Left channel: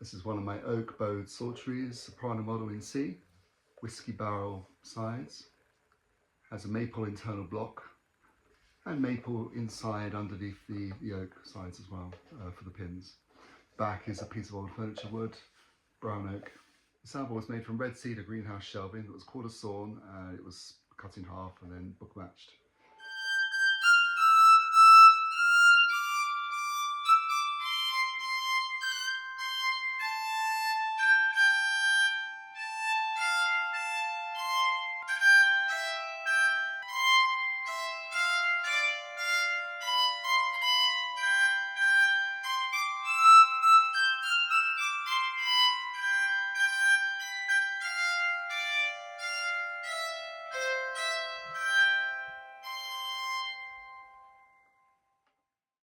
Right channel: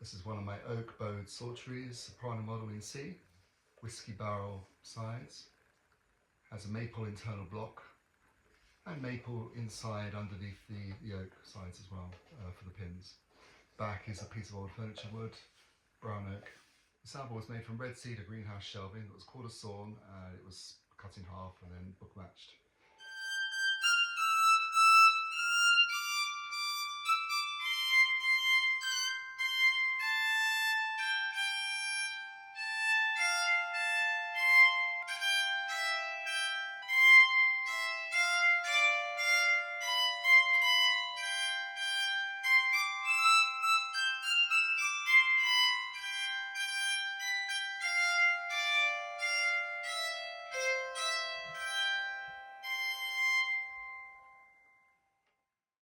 This is one of my oak bowed Psalteries, Soprano Model in C, whisky barrel sides, has a maple internal block and maple inside underneath the oak sides as well for the pins. Back is a piece of old furniture wood, brown oak. The sample was made from red cedar greenhouse shelving that was quarter sawn. It was cut in half and then book matched.